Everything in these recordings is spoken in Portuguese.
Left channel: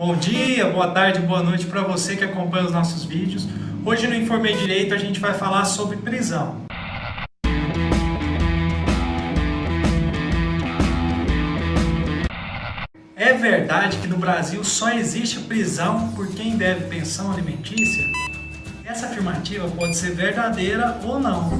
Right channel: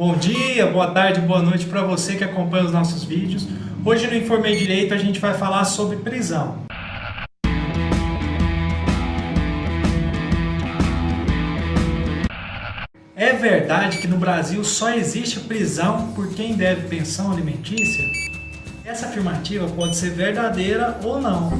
Bom dia, boa tarde, boa noite para você que acompanha os nossos vídeos. Hoje no Informei Direito a gente vai falar sobre prisão. É verdade que no Brasil só existe prisão por quem deve pensão alimentícia? Essa afirmativa pode ser verdadeira ou não.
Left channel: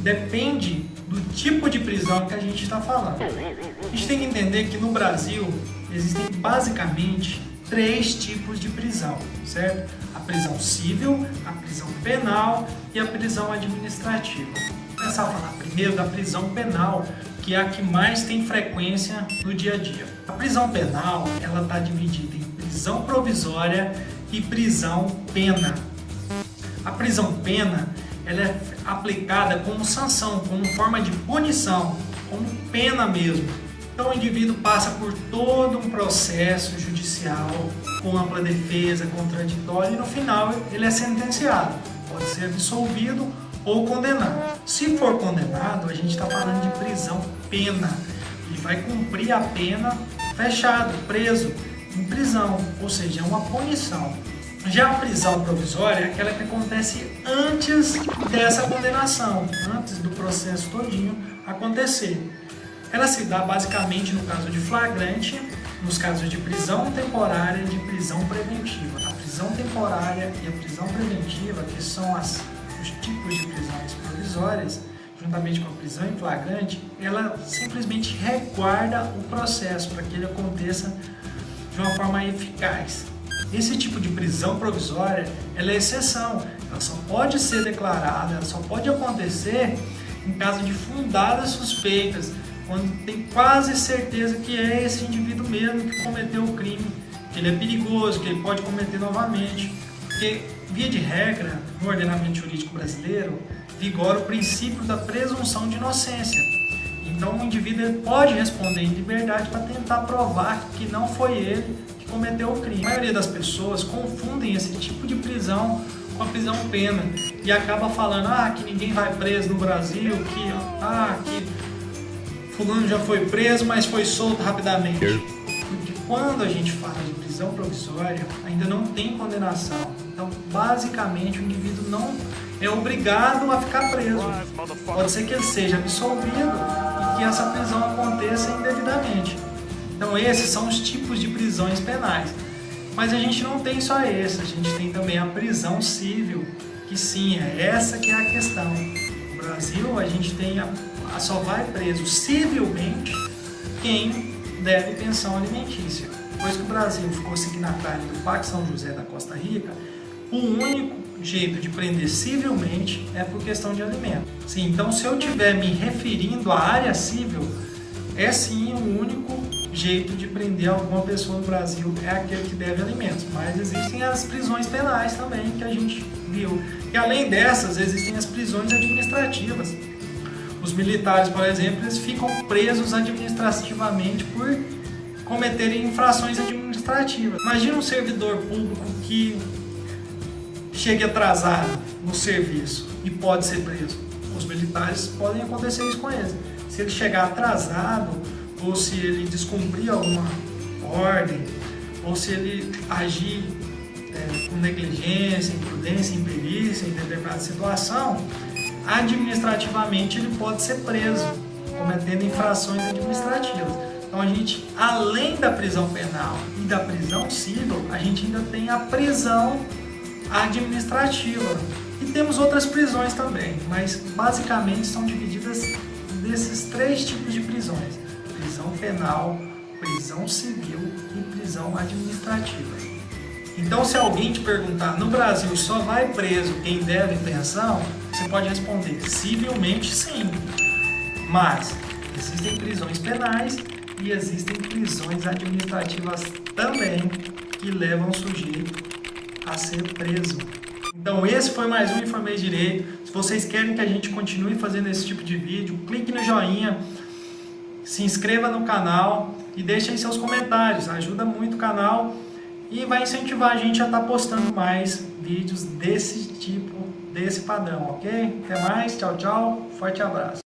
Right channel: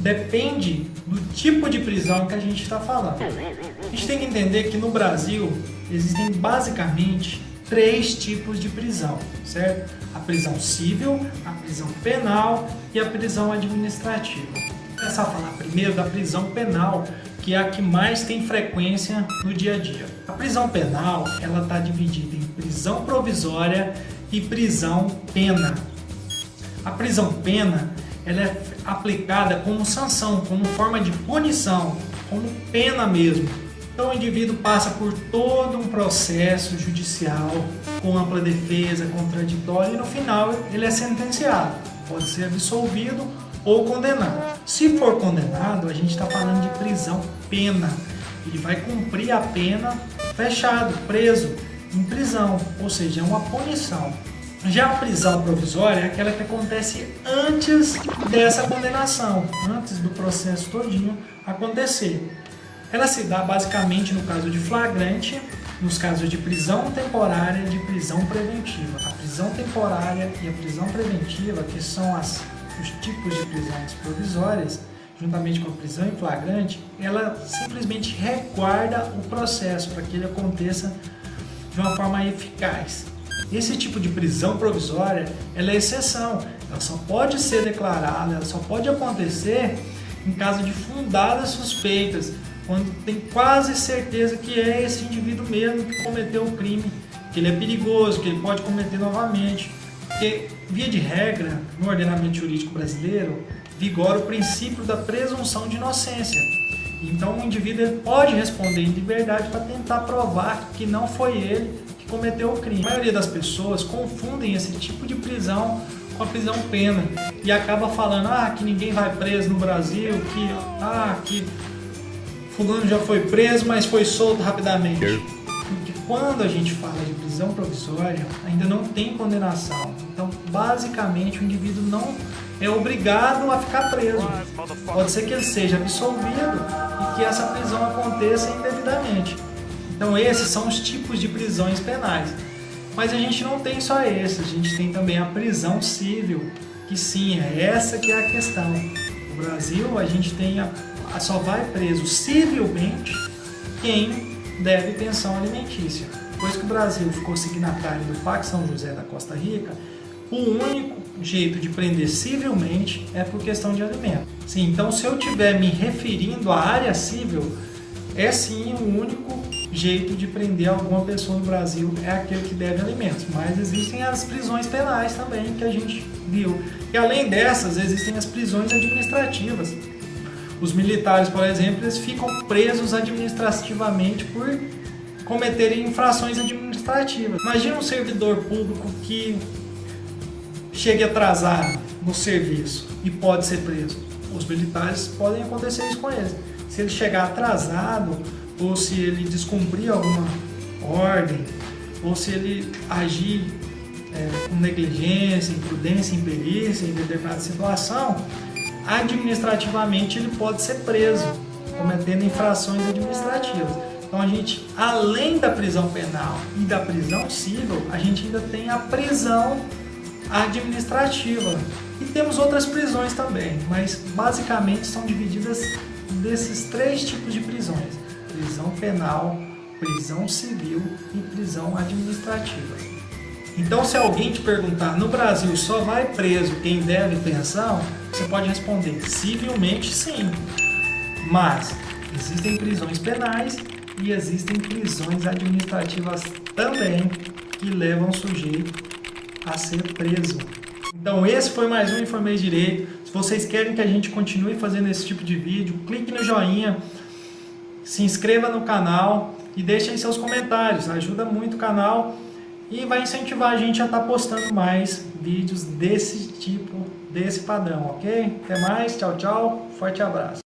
Depende do tipo de prisão que a gente está falando. A gente tem que entender que no Brasil existem basicamente 3 tipos de prisão, certo? A prisão civil, a prisão penal e a prisão administrativa. Vou começar a falar primeiro da prisão penal, que é a que mais tem frequência no dia a dia. A prisão penal, ela está dividida em prisão provisória e prisão pena. A prisão pena, ela é aplicada como sanção, como forma de punição, como pena mesmo. Então o indivíduo passa por todo um processo judicial, com ampla defesa, contraditório, e no final ele é sentenciado. Pode ser absolvido ou condenado. Se for condenado, a gente está falando de prisão pena. Ele vai cumprir a pena fechado, preso, em prisão, ou seja, é uma punição. Já a prisão provisória é aquela que acontece antes dessa condenação, antes do processo todinho acontecer. Ela se dá basicamente no caso de flagrante, nos casos de prisão temporária e de prisão preventiva. A prisão temporária e a prisão preventiva, que são os tipos de prisões provisórias, juntamente com a prisão em flagrante, ela simplesmente reguarda o processo para que ele aconteça de uma forma eficaz. Esse tipo de prisão provisória, ela é exceção, ela só pode ser declarada, ela só pode acontecer em caso de fundadas suspeitas, quando tem quase certeza que é esse indivíduo mesmo que cometeu o crime, que ele é perigoso, que ele pode cometer novamente. Porque, via de regra, no ordenamento jurídico brasileiro, vigora o princípio da presunção de inocência. Então, o indivíduo pode responder em liberdade para tentar provar que não foi ele que cometeu o crime. A maioria das pessoas confundem esse tipo de prisão com a prisão pena e acaba falando que ninguém vai preso no Brasil, que fulano já foi preso, mas foi solto rapidamente. Porque quando a gente fala de prisão provisória, ainda não tem condenação. Então, basicamente, o indivíduo não é obrigado a ficar preso. Pode ser que ele seja absolvido e que essa prisão aconteça indevidamente. Então, esses são os tipos de prisões penais. Mas a gente não tem só esses, a gente tem também a prisão civil, que sim, é essa que é a questão. No Brasil, a gente tem só vai preso civilmente quem deve pensão alimentícia. Depois que o Brasil ficou signatário do Pacto São José da Costa Rica, o único jeito de prender civilmente é por questão de alimento. Sim, então, se eu estiver me referindo à área civil, é sim o único jeito de prender alguma pessoa no Brasil, é aquele que deve alimentos. Mas existem as prisões penais também, que a gente viu. E além dessas, existem as prisões administrativas. Os militares, por exemplo, eles ficam presos administrativamente por cometerem infrações administrativas. Imagina um servidor público que chegue atrasado no serviço e pode ser preso. Os militares podem acontecer isso com eles. Se ele chegar atrasado, ou se ele descumprir alguma ordem, ou se ele agir com negligência, imprudência, imperícia em determinada situação, administrativamente ele pode ser preso, cometendo infrações administrativas. Então a gente, além da prisão penal e da prisão civil, a gente ainda tem a prisão administrativa. E temos outras prisões também, mas basicamente são divididas desses 3 tipos de prisões: prisão penal, prisão civil e prisão administrativa. Então, se alguém te perguntar, no Brasil só vai preso quem deve pensão, você pode responder, civilmente sim, mas existem prisões penais e existem prisões administrativas também que levam o sujeito a ser preso. Então, esse foi mais um Informei Direito. Se vocês querem que a gente continue fazendo esse tipo de vídeo, clique no joinha, se inscreva no canal e deixem seus comentários, ajuda muito o canal e vai incentivar a gente a estar postando mais vídeos desse tipo, desse padrão, ok? Até mais, tchau, tchau, forte abraço.